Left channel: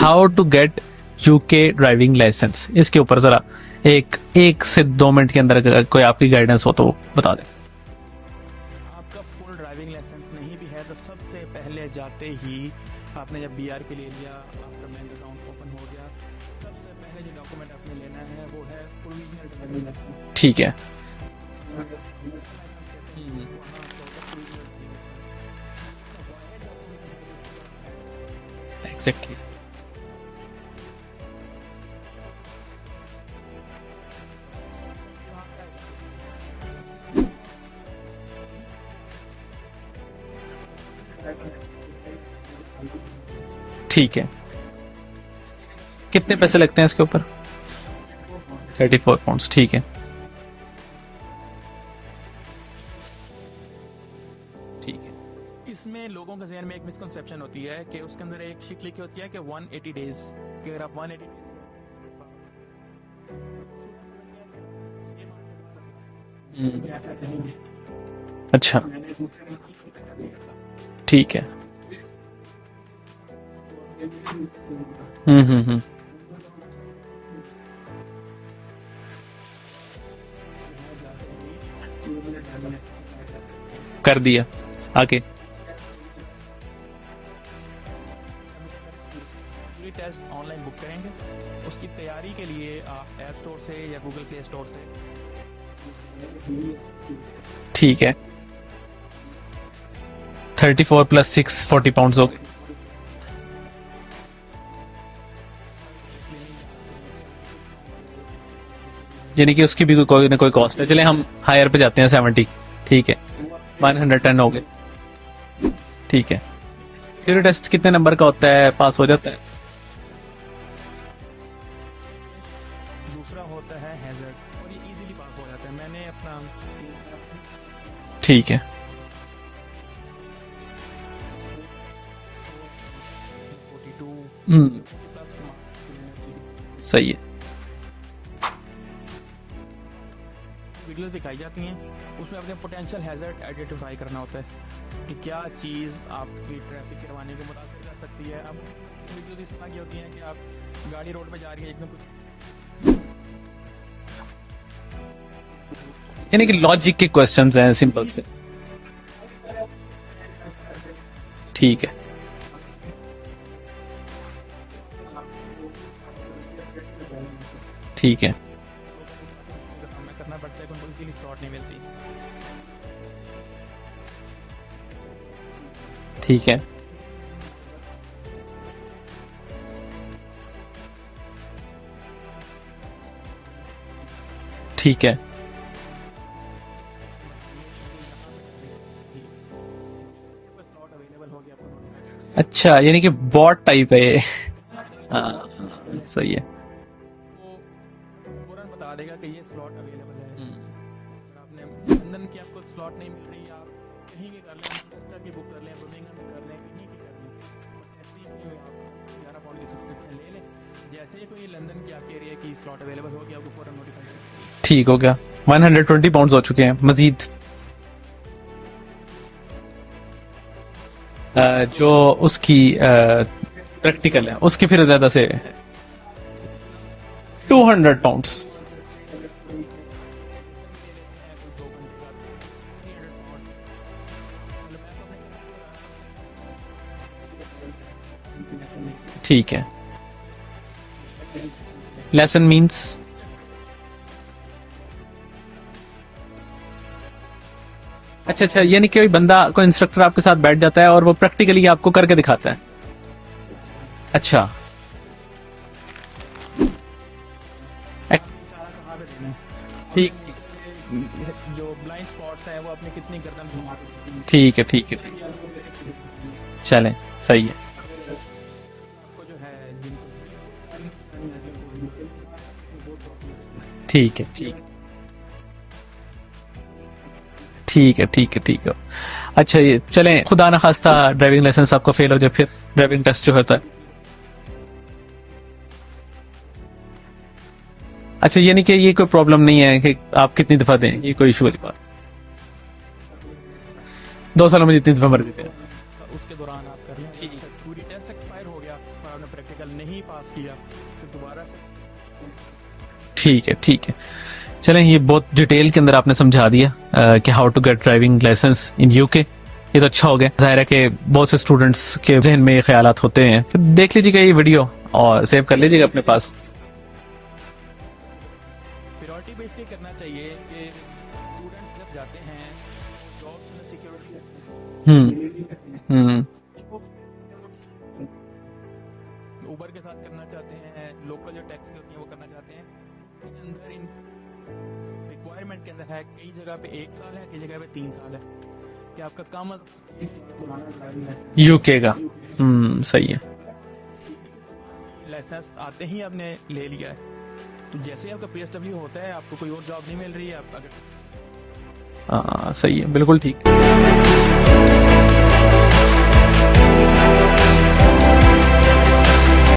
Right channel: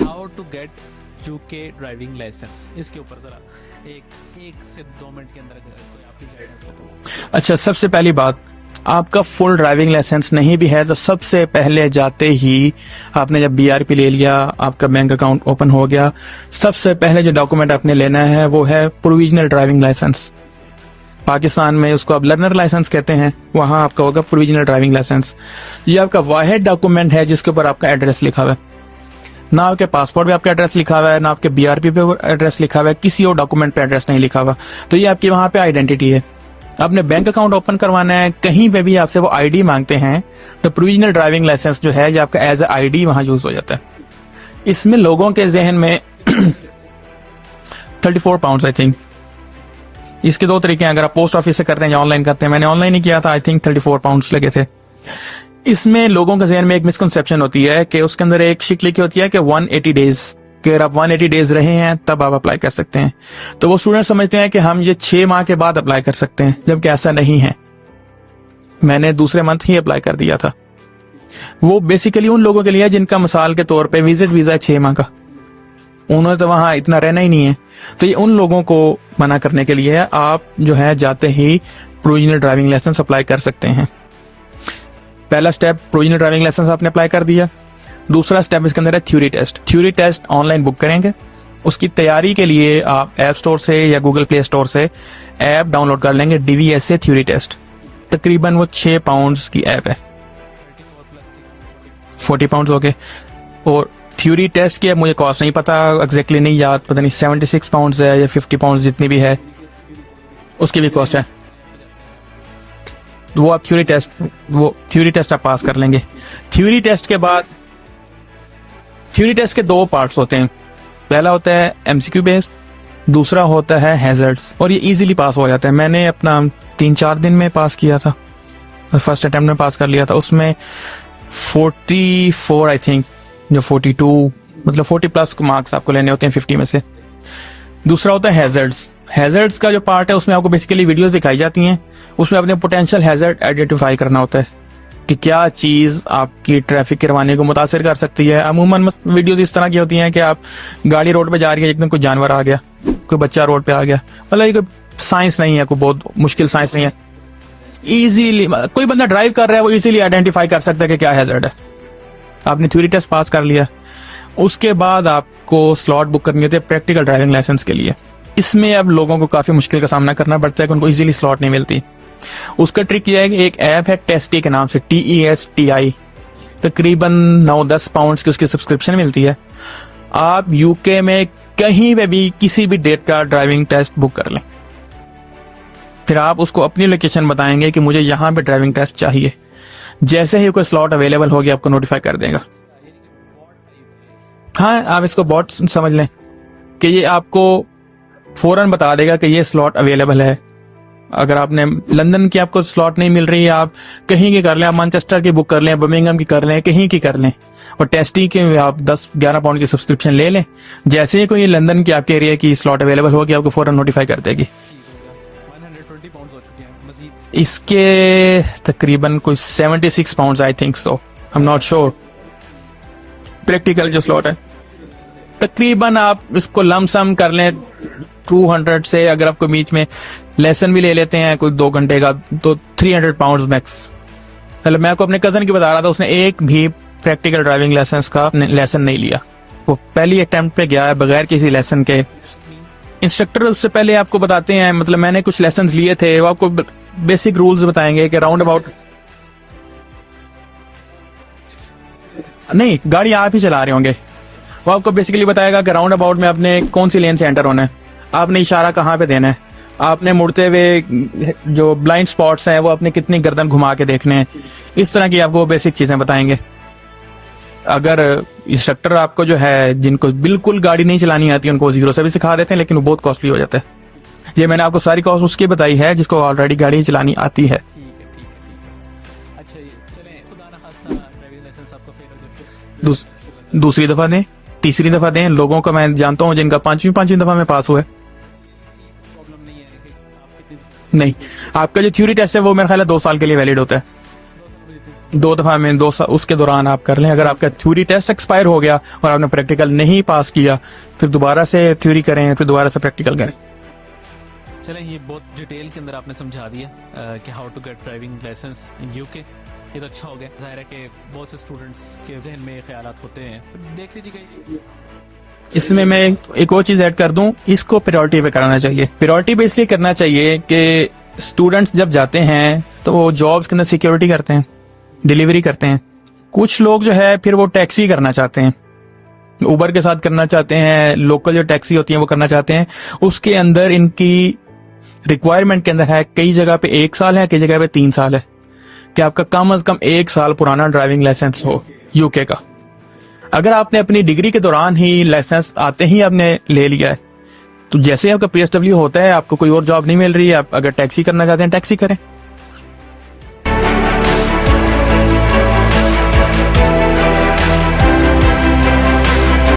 How to get UK driving licence, इसके ऊपर जरा एक से 2 मिनट के अंदर अगर कोई आपकी गाइडेंस हो तो बता। अच्छा, सबसे पहली बात, आपका फुल ड्राइविंग लाइसेंस नहीं भी है तो सबसे पहले जाते ही आपने जब BRP ले लिया, आपका बैंक अकाउंट ओपन हो गया, सबसे पहले जो डॉक्यूमेंट आपने लेना है वो है प्रोविजनल ड्राइविंग लाइसेंस। ठीक है, पाकिस्तान में उसको आप लर्नर लाइसेंस कहते हैं, वहां आपका होगा प्रोविजनल ड्राइविंग लाइसेंस। ये आपका वाहिद डॉक्यूमेंट है जिसके ऊपर आपका एड्रेस लिखा हुआ है। एग्जैक्टली। ना आपके पासपोर्ट पे आपका एड्रेस लिखा हुआ है, ना आपके BRP पे एड्रेस लिखा हुआ है, किसी और डॉक्यूमेंट पे एड्रेस नहीं लिखा हुआ। तो ये आपकी वहां पे आइडेंटिटी है। आपने बैंक अकाउंट ओपन करवाना है, कहीं पे भी आपसे वो ID मांगते हैं तो प्रोविजनल ड्राइविंग लाइसेंस जो है ये आपका एज ए ID वहां यूज हो जाता है। ठीक है। इसमें लोगों के जहन में कितने पैसे लगते हैं इसके ऊपर? 34 पाउंड आई थिंक। 34 पाउंड। ठीक है। इसके 2 तरीके हैं, अगर आप पोस्ट ऑफिस से करते हैं या ऑनलाइन करते हैं। मैंने ऑनलाइन ही किया था, आई थिंक 34 पाउंड लगे थे। इसमें लोगों के जहन में एक मिसकंसेप्शन होती है कि उसके अंदर एक शिक लिखी होती है कि 180 डेज, कि अगर आप 180 डेज रहे हैं तब आप अप्लाई कर सकते हैं। तो वो स्टूडेंट समझते हैं कि हम ये 6 माह के बाद अप्लाई कर सकते हैं, जबकि ऐसा नहीं है। अच्छा। मैंने दूसरे मंथ ही अप्लाई कर दिया था। ठीक है। वो बेसिकली उन लोगों के लिए जिनका मिसाल के तौर पे विजिट वीजा है 6 माह का, उन्होंने तो वहां इतना रहना ही नहीं है। तो ये उन लोगों को मना करने के लिए है। आप जो है जाते ही प्रोविजनल ड्राइविंग लाइसेंस अप्लाई कर सकते हैं। कर दिया। आगे पहला स्टेप प्रोविजनल ड्राइविंग लाइसेंस आपने अप्लाई कर दिया। दूसरा स्टेप इसके अंदर है theory test. Theory test online book करेंगे। उसकी तैयारी के लिए आप ऐप स्टोर से या गूगल प्ले स्टोर से ऐप डाउनलोड कर लेंगे, DVSA थ्योरी टेस्ट। ठीक है। तकरीबन वो 6 पाउंड की ऐप है। 34 + 6 40 पाउंड। 40 पाउंड हो गए। और थ्योरी टेस्ट की मुझे कॉस्ट नहीं पता, एग्जैक्टली नहीं याद, पता नहीं 76 पाउंड है या 50 पाउंड जितनी भी है, यानी कि उसकी भी कोई ना कोई कॉस्ट। उसकी भी कॉस्ट है। हायर पे जाते हैं 70। ठीक है। वो आप थ्योरी टेस्ट, 110 हो गए। वो थ्योरी टेस्ट आप पास कर लेंगे। ठीक है। थ्योरी टेस्ट के बाद टेस्ट कितने नंबर का होता है, पास हो जाता है? थ्योरी टेस्ट के 2 पार्ट्स होते हैं। पहला होता है MCQ बेस्ड, दूसरा होता है हैजर्ड्स, और ये इजीली पास हो जाता है। मैंने अपना 3-4 दिन में पास किया था। ठीक है। फर्स्ट अटेम्प्ट में पास कर लिया था। उसमें 44 आई थिंक, जो 42 मतलब 40+ मार्क्स आपको लेने होते हैं 50 में से। सही है। दूसरा होता है हैजर्ड्स। हैजर्ड्स का जो पार्ट है उसमें आपको बेसिकली वीडियोस दिखाई जाती हैं। उसमें अपने पोटेंशियल हैजर्ड आइडेंटिफाई करना होता है कि क्या चीज आपकी ट्रैफिक के रवाने को मुतासिर कर सकती है। अमूमन वीडियोस इस तरह की होती हैं कि आप गाड़ी रोड पे जा रही है, एकदम कोई जानवर आ गया, कोई बच्चा रोड पे आ गया, मतलब ये कोई साइंस नहीं है, कोई बहुत मुश्किल साइंस नहीं है, लॉजिक के क्वेश्चंस हैं। इजीली कोई बंदा ड्राइव कर रहा है वो इजीली आइडेंटिफाई कर सकता है कि क्या हैजर्ड है। ठीक है। आपने थ्योरी टेस्ट पास कर लिया। उसके बाद आपको स्लॉट बुक करनी होती है प्रैक्टिकल ड्राइविंग लाइसेंस के लिए। ठीक है। इसमें अब लोगों को काफी मुश्किल का सामना करना पड़ता है कि उनको इजीली स्लॉट नहीं मिलती। उसका ट्रिक यह है कि एक ऐप है टेस्टी के नाम से, TESTI। ठीक है। तकरीबन 9-10 पाउंड की उसकी सब्सक्रिप्शन मिलती है। आप UK में कहीं पे भी किसी भी डेट का ड्राइविंग टेस्ट बुक कर लें। ठीक है। फिर आप उसको अपनी लोकेशन बताएंगे कि मुझे यहाँ पे ड्राइविंग टेस्ट चाहिए। जैसे ही कोई स्लॉट अवेलेबल हो गया आपको नोटिफाई कर देगा। अच्छा, यानी कि बॉट टाइप है ये। हाँ, आप इसको बॉट समझ लें। सही है कि ये आपको फौरन बता देगा कि ये स्लॉट अवेलेबल है। अगर आपने लंदन की आपको स्लॉट नहीं मिल रही है, आप कहीं की कर लें, आप मैनचेस्टर की बुक कर लें, बर्मिंघम की कर लें, कहीं की कर लें, और टेस्टी के आप 10-11 पाउंड की सब्सक्रिप्शन ले लें। जैसे ही कोई लंदन की आपके एरिया की स्लॉट अवेलेबल होगी आपको फौरन नोटिफाई कर देगी। ठीक हो गया। 120 पाउंड हो चुके हैं मजीद। इसके तकरीबन कोई 76 pound I think so, I am not sure. जो उसकी प्रैक्टिकल जो स्लॉट है उसके फिर ज्यादा से तकरीबन आप इसको लमसम कर लें 200 पाउंड। 200 से अगर आपको बीच में लेसन भी ले लेते हैं कोई 2 घंटे का तो 300 पाउंड मैक्स। मतलब मैं आपको अपने कजन की बता रहा था, उसने एक भी प्रैक्टिकल ड्राइविंग लाइसेंस का लेसन नहीं लिया। ठीक है। वो पहली अटेम्प्ट पे गया है बगैर किसी लेसन के। लेसन मींस इंस्ट्रक्टर उससे पहले आपको बताते हैं, मतलब मैंने कुछ लेसन लिए थे, वो आपको बेसिक रूल्स बताएंगे कि राउंड अबाउट। यानी कि कोई बंदा, कोई इंस्ट्रक्टर आपके साथ बैठ जाता है और वो प्रैक्टिकली आपको करके दिखाता है? नहीं, गाड़ी आप ही चला रहे होंगे। अच्छा। वो आपको बेसिकली बताएगा कि राउंड अबाउट में आपने कौन सी लेन से एंटर होना है, आपने इशारा कहाँ पे देना है, आपने मुड़ते हुए जो ब्लाइंड स्पॉट्स हैं वो अपने कितनी गर्दन घुमा के देखने हैं। ठीक है। ठीक इस तरह की आपको बेसिक चीजें बताएंगे। चलें, सही है। अगर इंस्ट्रक्टर आपको जो है जिनको बिल्कुल गाड़ी नहीं चलानी आती उनको 0 से भी सिखा देते हैं, लेकिन वो बहुत कॉस्टली हो जाता है। ठीक है। ये मैंने आपको सारी कॉस्ट उसकी बताई है जिसको ऑलरेडी गाड़ी चलानी आती है। ठीक है। ठीक है। ठीक है। अच्छा, ये चलें, खुदा न खास्ता ड्राइविंग लाइसेंस आपका फेल हो जाए, फिर ड्राइविंग टेस्ट जो होता है दूसरी दफा दें, तीसरी दफा दें। लोगों को मैं जानता हूँ जिनका 5वीं दफा में पास हुआ है। अच्छा, यानी कि ये कोई प्रॉब्लम नहीं है कि आप कितनी दफा दें? नहीं, कोई इशू। आपका जो थ्योरी टेस्ट है वो मेरे ख्याल है 2 साल के लिए वैलिड होता है। 2 सालों में जितनी दफा मर्जी। 2 दफा में 2 साल उसके दौरान आप कर लें। अगर आपका थ्योरी टेस्ट एक्सपायर हो गया और आपने प्रैक्टिकल नहीं पास किया, फिर दोबारा से थ्योरी करें, फिर दोबारा से प्रैक्टिकल करें। ठीक है, ठीक है। चलें, ये बहुत डिटेल के अंदर आपने समझा दिया कि how to get driving licence in UK. ये तो अच्छा हो गया। जाहिर है कि बहुत से स्टूडेंट्स के जहन में ये ख्यालात होते हैं, तो देख लीजिएगा ये वीडियो और सेव कर लीजिए इसमें अपने मैं पास। एक और चीज ऐड कर दूं, इसको प्रायोरिटी पे कराना चाहिए। प्रायोरिटी पे इसलिए करना चाहिए कि स्टूडेंट्स जब जाते हैं तो वो जॉब्स के अंदर सिक्योरिटी करते हैं, डिलीवरी करते हैं। कुछ लोग जो है फिर वो टैक्सी करना चाहते हैं, उबर के साथ करना चाहते हैं, लोकल जो टैक्सी होती है वो करना चाहते हैं। उसके अंदर इनकी रिक्वायरमेंट के अंदर है, कई जगह पे 1 साल है, कई जगह पे 3 साल है, कि आपका कम से कम 1 साल पुराना ड्राइविंग लाइसेंस यूके का। सही है। अगर आपने अपनी डिग्री के दौरान ही लाइसेंस आते ही आपने ले लिया है, तो जैसे ही आपका PSW होता है, आपको कोई और जॉब नहीं मिल रही है, आप अगर टैक्सी करना चाहते हैं टैक्सी करें। सही है, बिल्कुल ठीक।